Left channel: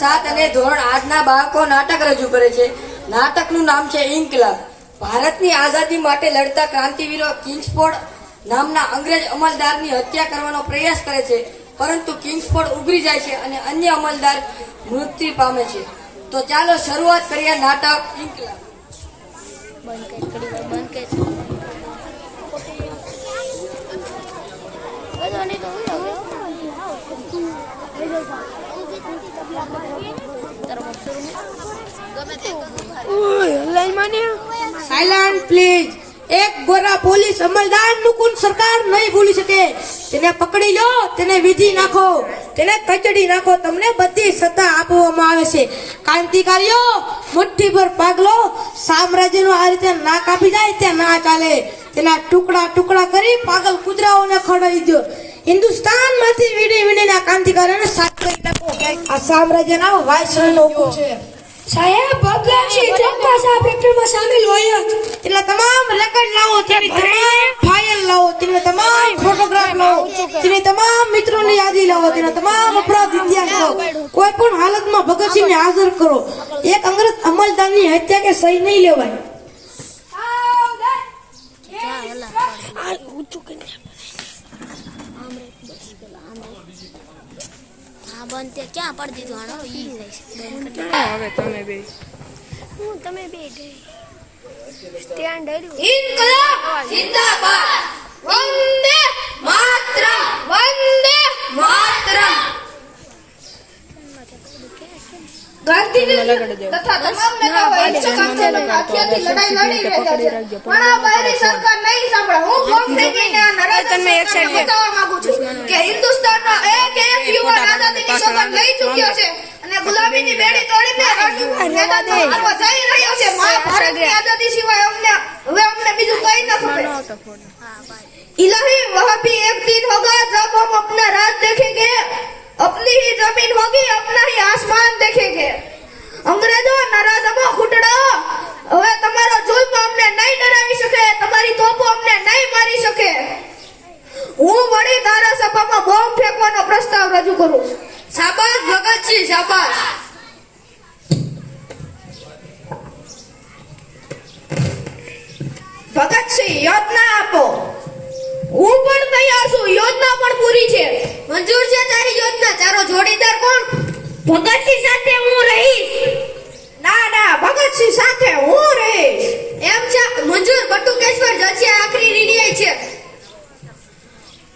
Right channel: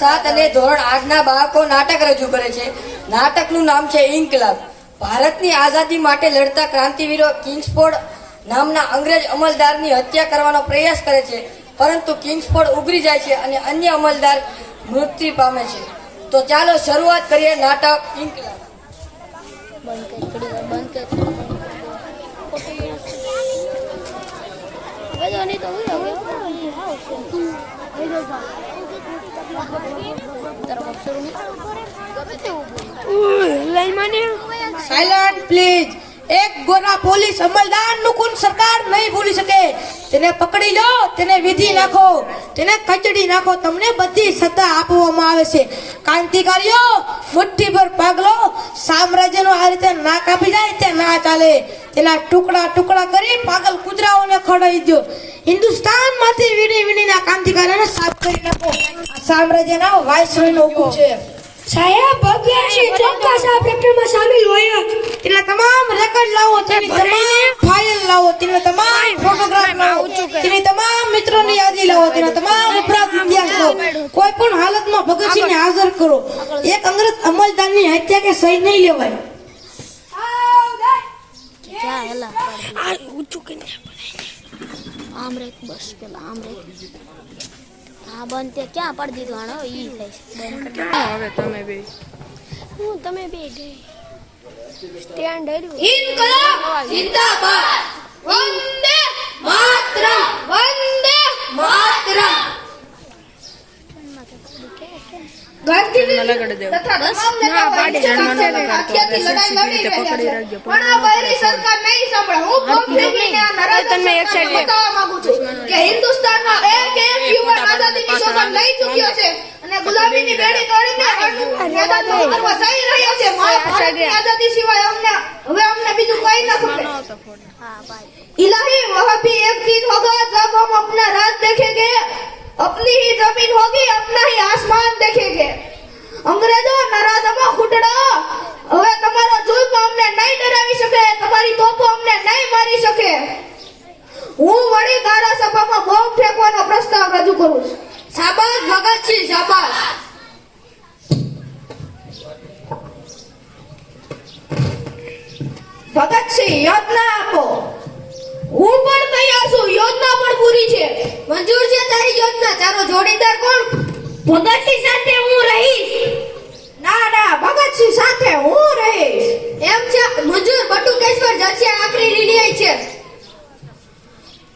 સાત અને ધોરણ આઠના બાળકો નાટક રજૂ કરે છે. નાટકનું નામ છે ઇન્કલાબ. ભારતની આઝાદી માટે લડતા ક્રાંતિવીરો કિંગ્સફોર્ડ નામના અંગ્રેજ અમલદારની હત્યા કરવાનો પ્રયાસ કરે છે પરંતુ કિંગ્સફોર્ડ ઉગરી જાય છે અને અન્ય અમલદાર મૃત્યુ પામે છે. તો ચાલો શરૂઆત કરીએ નાટક ઇન્કલાબ. બંધ કર સાયલન્ટ પ્લીઝ સરકાર નહીં ભૂલી શકે. તેને પકડી લો, તેને વિધિ નાખો તેને કચડી નાખો તમને બધી સત્તા આપવામાં આવે છે. ક્રાંતિકારીઓ, મુઠ્ઠીભર પાગલો સામ્રાજ્યનો આ રીતે ના કાપી જાય તે ના ચાલે. તેના ટુકડા ટુકડા કરી પાગલ કુતરાઓને ખવડાવી દો હિન્દુસ્તાનમાંથી વીણી વીણીના ક્રાંતિકારીઓને સાફ કરી આ સામ્રાજ્યના વાયસરનો લોકો. છે સાહેબ ભગવાનસિંહ ચોક્કસ આ પ્રકરણમાં સામેલ હોય. એટલે તમામ રેકોર્ડ લાવો તેની ફાઇલ લાવો તેના તમામ ફોટોગ્રાફ લાવો તેની તમામ મિત્રોની યાદી લાવો તેના તમામ અપરાધ ઇતિહાસ લાવો. કોઈ પણ હાલતમાં ભગતસિંહને હાજર કરો. એક અંગ્રેજ અમલદારની હત્યા કે સહી નહીં લેવાય. આમ રે બસ પેલા આમ રે હા બંધ તે ક્યાં પાડી દીધું? આનો ઈ થાય છે. બંધ કરી. ક્યાં હવે તમે બે. હું તમે બે ગઈ. સ્ટેન્ડ હર્યું ઇન્કલાબ જિંદાબાદ. વંદે માતરમ. વંદે માતરમ. જન્મ લગાડી દેવો. ના પાડી જન્મ ન લગાડતો હવે સીધી રીતે પકડી રાખજો. પણ ન કરે ફોન તમે એક સાઈડ કે હિન્દુસ્તાનમાં એક એક યુવાન આઝાદીની શપથ લઈ ચૂક્યો છે અને ગુલામીની બેડી તોડીને રાષ્ટ્રનું નેતૃત્વ થઈ રહ્યો છે મારા ભારતની આઝાદી સિવાય અમને હવે અમને બીજું કઈ ન ખપે નહોતો ફોન હા ભાઈ इलाही वह भी एक दिन होगा जब हम अपना राज देखेंगे अपनी ही जमीन होगी अपना ही आसमान देखेंगे અંગ્રેજો નરાધમો ખૂટડો હવે તમારો જુલ્મ અમને નહીં ડરાવી શકે તમારી બટુકેશ્વર આખરી નિર્ણય છે.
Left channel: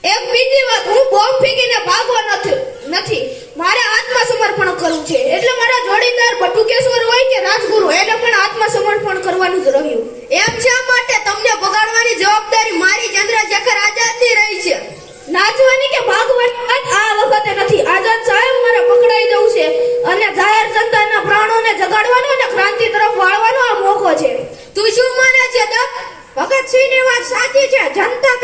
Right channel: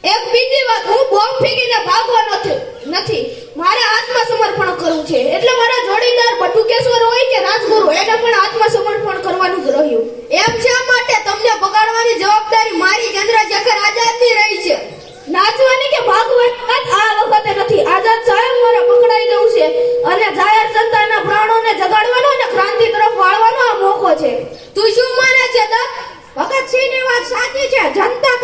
એક બીજી વાત, હું બોમ્બ ફેંકીને ભાગવા નથી નથી. મારે આત્મસમર્પણ કરવું છે. એટલે મારા જોડીદાર બટુકેશ્વર હોય કે રાજગુરુ, એને પણ આત્મસમર્પણ કરવાનું જ રહ્યું. એમ છે માટે તમને બગાડવાની જવાબદારી મારી ચંદ્રશેખર આઝાદની રહી છે? નાચવાની કે ભાગવાની વાત આ વખતે નથી. આઝાદ સાહેબ મારે પકડાઈ જવું છે. અને જાહેર જનતાના પ્રાણોને જગાડવાનો અને ક્રાંતિ તરફ વાળવાનો llanta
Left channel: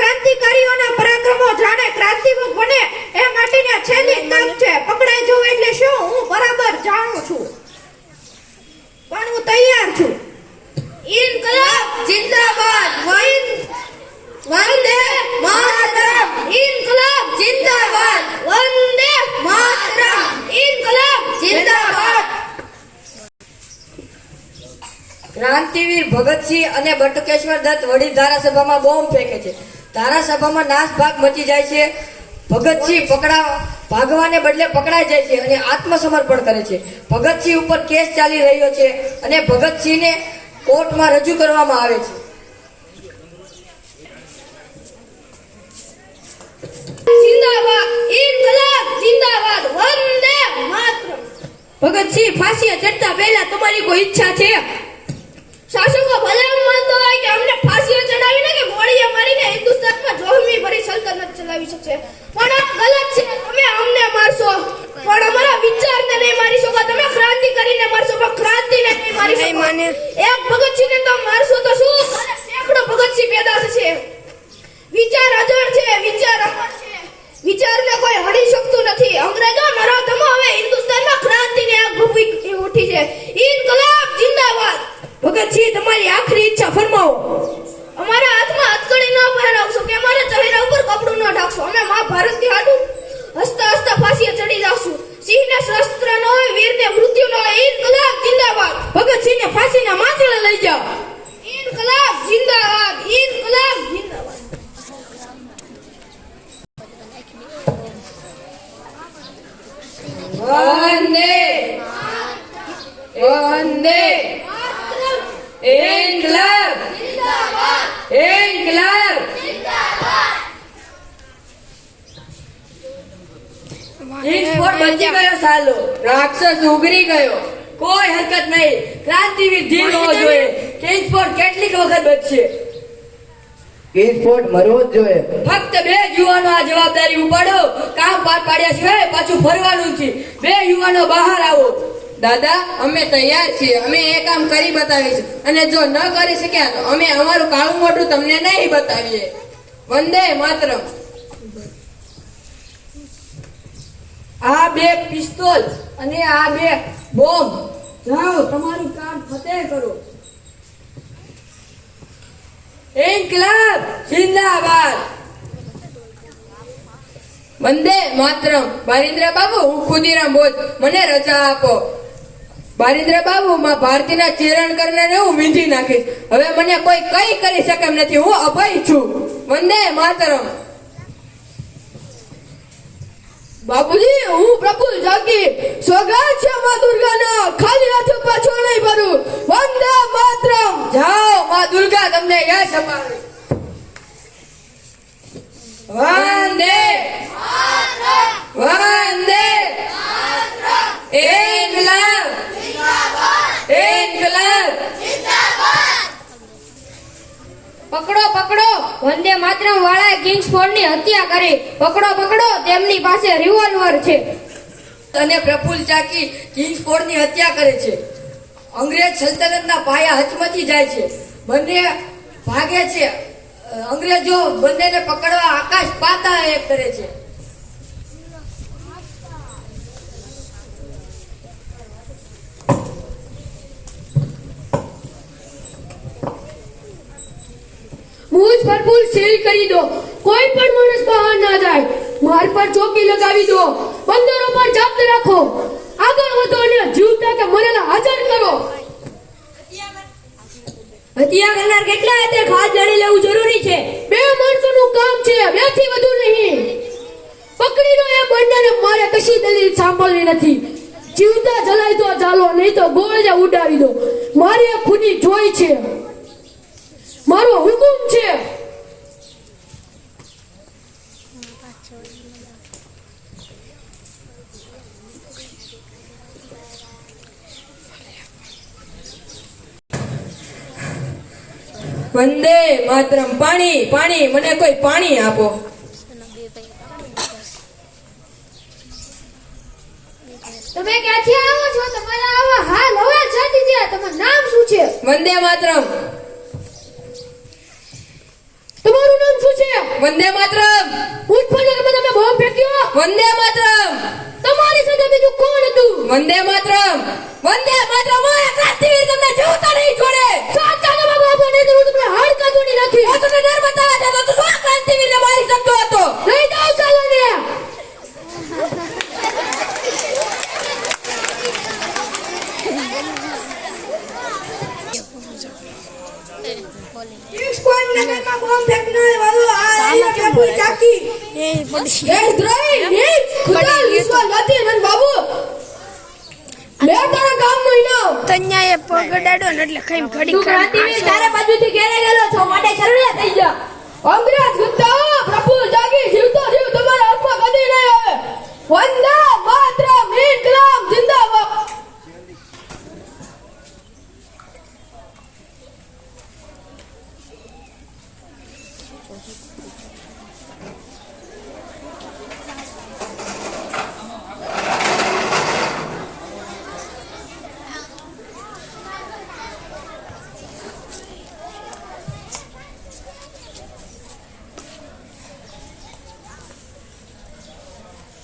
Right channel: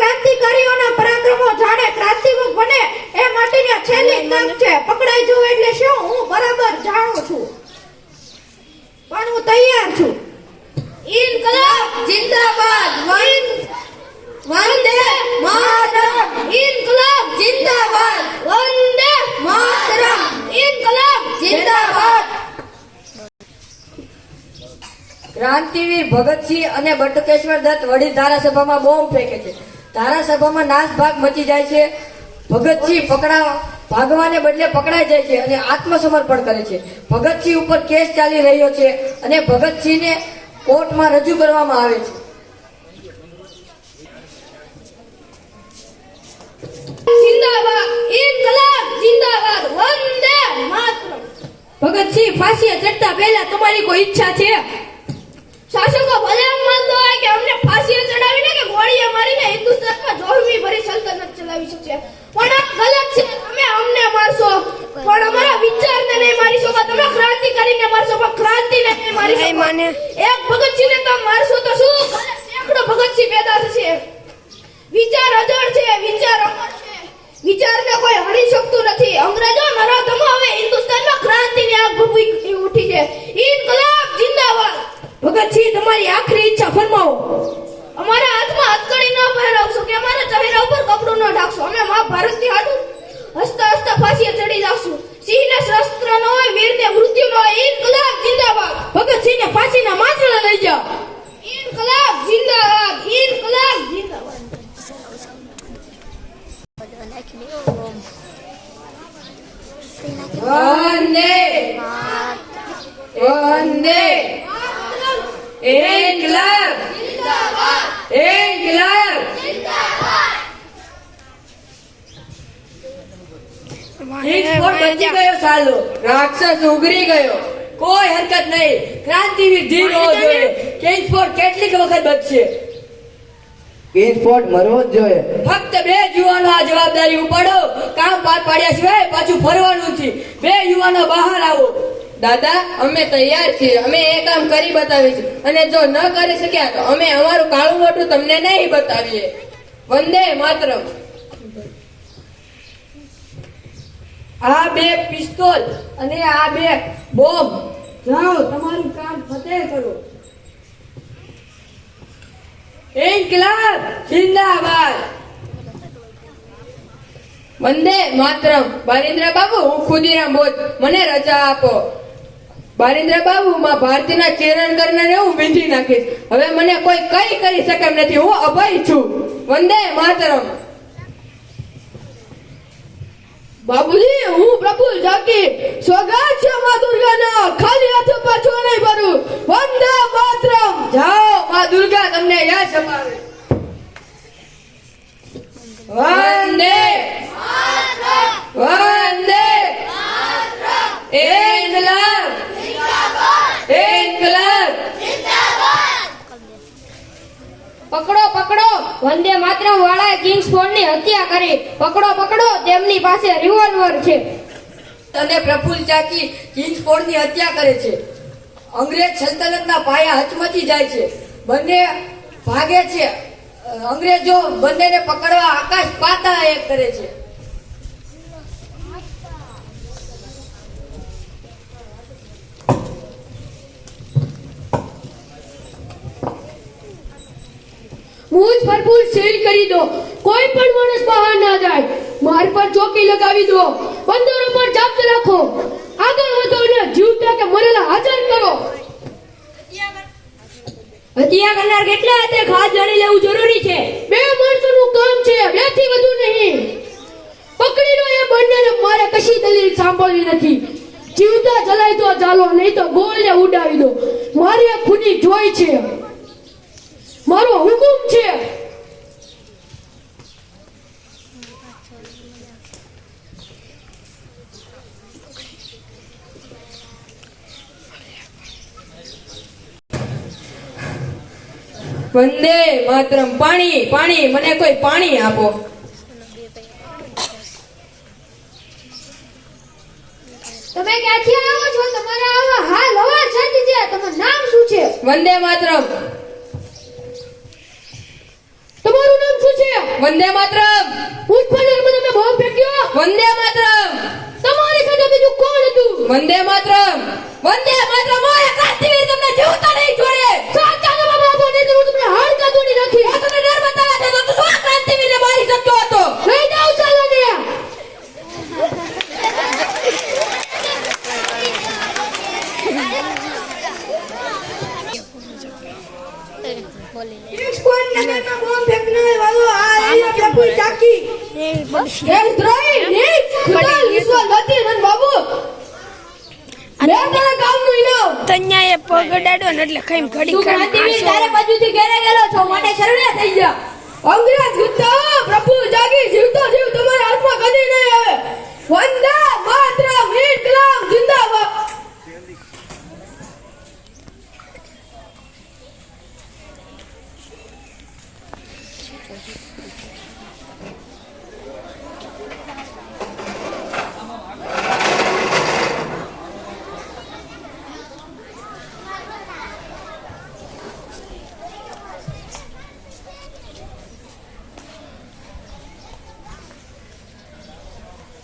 ક્રાંતિવીર ભગતસિંહ અને બટુકેશ્વર દત્ત વડી ધારાસભામાં બોમ્બ ફેંકે છે. ધારાસભામાં નાસભાગ મચી જાય છે. ભગતસિંહ પકડા ભાગવાને બદલે પકડાઈ જાય છે અને આત્મસમર્પણ કરે છે. ભગતસિંહ ઉપર કેસ ચાલી રહ્યો છે અને ભગતસિંહને કોર્ટમાં રજૂ કરવામાં આવે છે. ભગતસિંહ ફાંસીએ ચડતા પહેલા તમારી કોઈ ઈચ્છા છે? શાસકો ભલે એમ માનતો હોય કે અમને ફાંસીએ ચડાવીને કે ગોળીએ મારીને હિન્દુસ્તાનમાં જોહમી ભરી સલ્તનત ચલાવી છે પણ આ ગલત છે તમે અમને મારશો. પણ અમારા વિચારને નહીં મારી શકો તમે ક્રાંતિ કરીને મારશો પણ ક્રાંતિ નહીં મારી શકો. માને. એક ભગતસિંહને તો મારશો તો શું? ભલે સેંકડો ભગતસિંહ પેદા થશે. વિચાર અજર છે વિચાર અમર છે. વિચારને કોઈ હરી શકતું નથી. અંગ્રેજો નરાધમો હવે હિન્દુસ્તાનમાં ક્રાંતિની આગ ભૂકી ઉઠી છે ઇન્કલાબ જિંદાબાદ ભગતસિંહ તમારી આખરી ઈચ્છા ફરમાવો અમારા હાથમાં હથકડી ન પહેરાવશો કે અમારા ચહેરા ઉપર કપડું ન ઢાંકશો અને મા ભારતની હાડું હસતા હસતા ફાંસીએ ચડી જાવશું સિંહને શસ્ત્ર ન હોય વીરને વંદે ઇન્કલાબ ઇન્કલાબ કિંગ્સફોર્ડ બચી ગયો સાલો. રાક્ષસ ઉગરી ગયો. કોઈ હરકત નહીં. ક્રાંતિવીર ધીર હોવો જોઈએ કિંગ્સફોર્ડ કેટલીક વખત બચશે. કિંગસ્પોર્ટ મરવો જ જોઈએ. ફક્ત બે યુવાનો આ જવાબદારી ઉપાડો. કામ પાર પાડ્યા સિવાય પાછું ફરવાનું છે બે યુવાનો બહાર આવો. દાદા, અમે તૈયાર છીએ. અમે એ કામ કરી બતાવીશું અને જો ન કરી શક્યા, તો અમે અમારું કાળું મોટું તમને નહીં બતાવીએ. વંદે માત્ર આ બે પિસ્તોલ અને આ બે બોમ્બ. જાઓ, તમારું કામ ફતેહ કરો. ઇન્કલાબ, જિંદાબાદ. વંદે માતરમ. બારિન્દ્ર બાબુ, હું ખુદીરામ બોધ મને રજા આપો. બારિન્દ્ર બાબુ, માં ભારતીના ચિરણ કરનાર હું વીંધી નાખીશ. હવે મને કોઈ કઈ કરી શકે એમ નથી. હું અભય છું. વંદે માતરમ. બાબુજી, હું પ્રભુ જાગી સ્વગત છે માં દુર્ગાના. ખાલી હાથે પાછો નહીં ભરું. વંદે માતરમ. જાઓ, માં દુર્ગા, તમને યશ અપાવે વંદે વંદે ઇન્કલાબ ઇન્કલાબ પકડો પકડો. વંદે માતરમ વાળાએ કિંગ્સફોર્ડની હત્યા કરી. પકડો પકડો. તેમની પાસે રિવોલ્વર છે. અને પ્રફુલ્લ ચાકી કિંગ્સફોર્ડની હત્યા કરે છે. અંગ્રેજ સલ્તનતના પાયા હચમચી જાય છે. બંને ભાગે છે. અંગ્રેજો બંનેને પકડવા આકાશ પાતા એક કરે છે. ભરપૂર સીલ કરી દો કોઈ પણ માણસ બહાર ના જાય. માર પર ચોકી લગાવી દો બંદરો પર જપ્ત રાખો. આગળ વધો અને જીવતા કે મરેલા હાજર કરો. હત્યા કરનાર કેટલા હતા ખાસ જાણી લેવું જરૂરી છે? બે માણસોનું કામ છે બેથી વધુ નહીં. પકડી લો એ બંનેને મારે કશી દલીલ સાંભળવી નથી. જીવતા જલાય તો ચાલો નહીં તો ગોળે ઉડાવી દો. મારી આ ખુદી જોઈ છે. મારો હુકુમ છે. વંદે માતરમ. પાણી પાણી મને કોઈ પાણી આપો. તમે ક્યાંથી આવો છો? તમારા આવા હાલ હવા જાતી છે તમારું નામ શું છે? વંદે માતરમ. તમારું નામ શું છે? વંદે માતરમ. ઉત્પન્ન તમે બોમ્બ ફેંક્યો વંદે માતરમ. તમારી સાથે બીજું કોણ હતું? વંદે માતરમ. વંદે માતરમ ઓય ક્રાંતિવીર તમને જીવતા નહીં છોડે સાચા જવાબ આપો નહીં તો હું તમને હાડકા તોડી નાખી હું તમને ડર બતાવવા જતો તો શું આ ક્રાંતિવીરને મારી શકતો હતો લઈ જાઓ ચાલો ને દેશદ્રોહી નહીં ખુદા વિશ્વવતી નંદ બાબુ મેં તારા કામનું ઇનામ તન્યા એ પગ અડાડો ને એટલે ખાઈ ઘડી તું ક્રાંતિવીર તારે બાજુથી ઘેરે ગયેલો છો માટે શરણે થઈ ગયો. અંગ્રેજ ગુદ્દાઓ પ્રભુ જાગી જીવતો જીવ તમારા હાથમાં કદી નહીં આવે. વંદે માતરમ ઇન્કલાબ જિંદાબાદ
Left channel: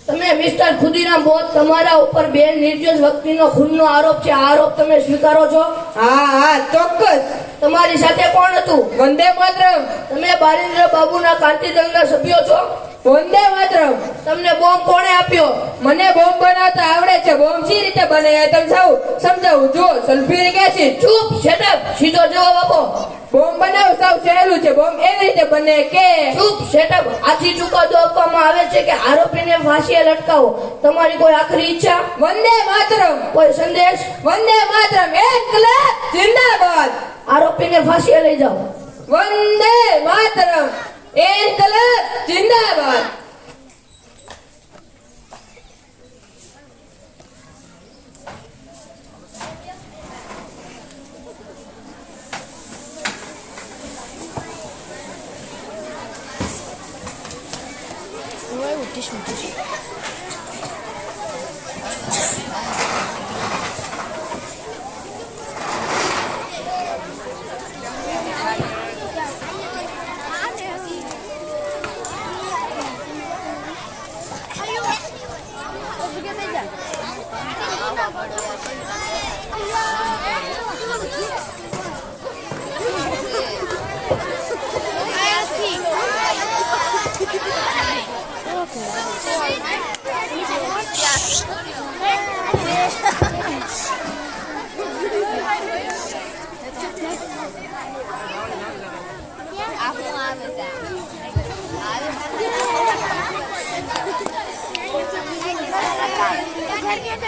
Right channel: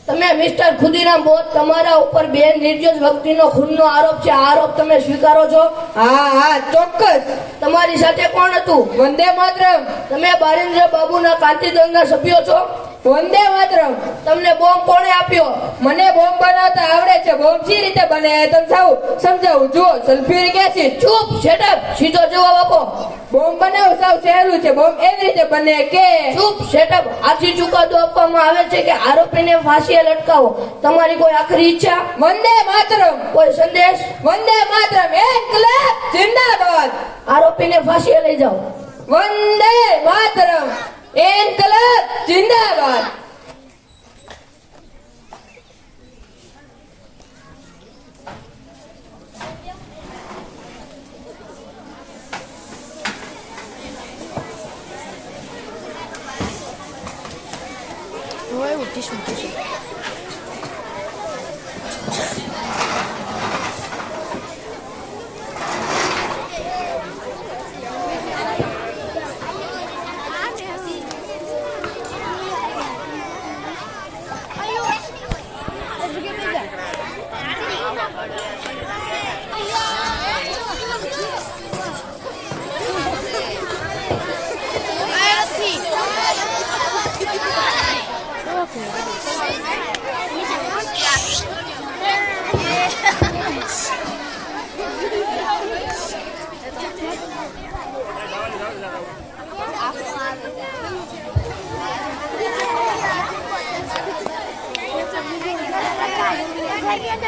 તમે મિસ્ટર ખુદીરામ બોધ તમારા ઉપર બેન નિર્દોષ વ્યક્તિનો ખૂનનો આરોપ છે. આ આરોપ તમે સ્વીકારો છો? હા હા ચોક્કસ. તમારી સાથે કોણ હતું? વંદે માતરમ. તમે બારેન્દ્ર બાબુના ક્રાંતિ દળના સભ્યો છો? વંદે માતરમ. તમને બોમ્બ કોણે આપ્યો? મને બોમ્બ બનાવતા આવડે છે. બોમ્બ સી રીતે બનાવ્યા તમે સૌ સમજાવું. જો સલ્ફ્યુરિક એસિડ ચૂપ શેટઅપ સીધો જવાબ આપો. બોમ્બ બનાવ, સૌ સહેલું છે. બોમ્બ એવી રીતે બને કે ચૂપ શેટઅપ આથી ચુકાદો આપવામાં આવે છે કે આરોપીને ફાંસીએ લટકાવો. તમારી કોઈ આખરી ઈચ્છા? વંદે માતરમ. કોઈ સંદેશ? વંદે માતરમ. ઇન્કલાબ જિંદાબાદ. આરોપીને ફાંસીએ લઈ જાઓ. વંદે માતરમ. ઇન્કલાબ જિંદાબાદ હવે એવું ટીશું ટીશું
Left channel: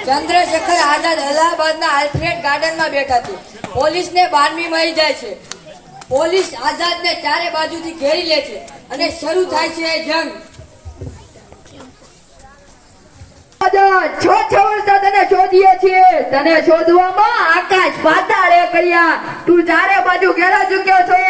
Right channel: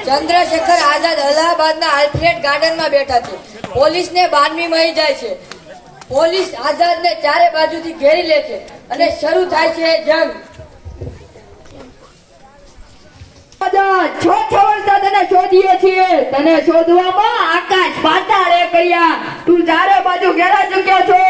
ચંદ્રશેખર આઝાદ અલ્હાબાદના આલ્ફ્રેડ ગાર્ડનમાં બેઠા છે. પોલીસને બાનવી મળી જાય છે. પોલીસ આઝાદને ચારે બાજુથી ઘેરી લે છે અને શરૂ થાય છે જંગ. તને શોધીએ છીએ. તને શોધવામાં આકાશ પાતાળ એક ગયા તું ચારે બાજુ ઘેરા ચુક્યો છો.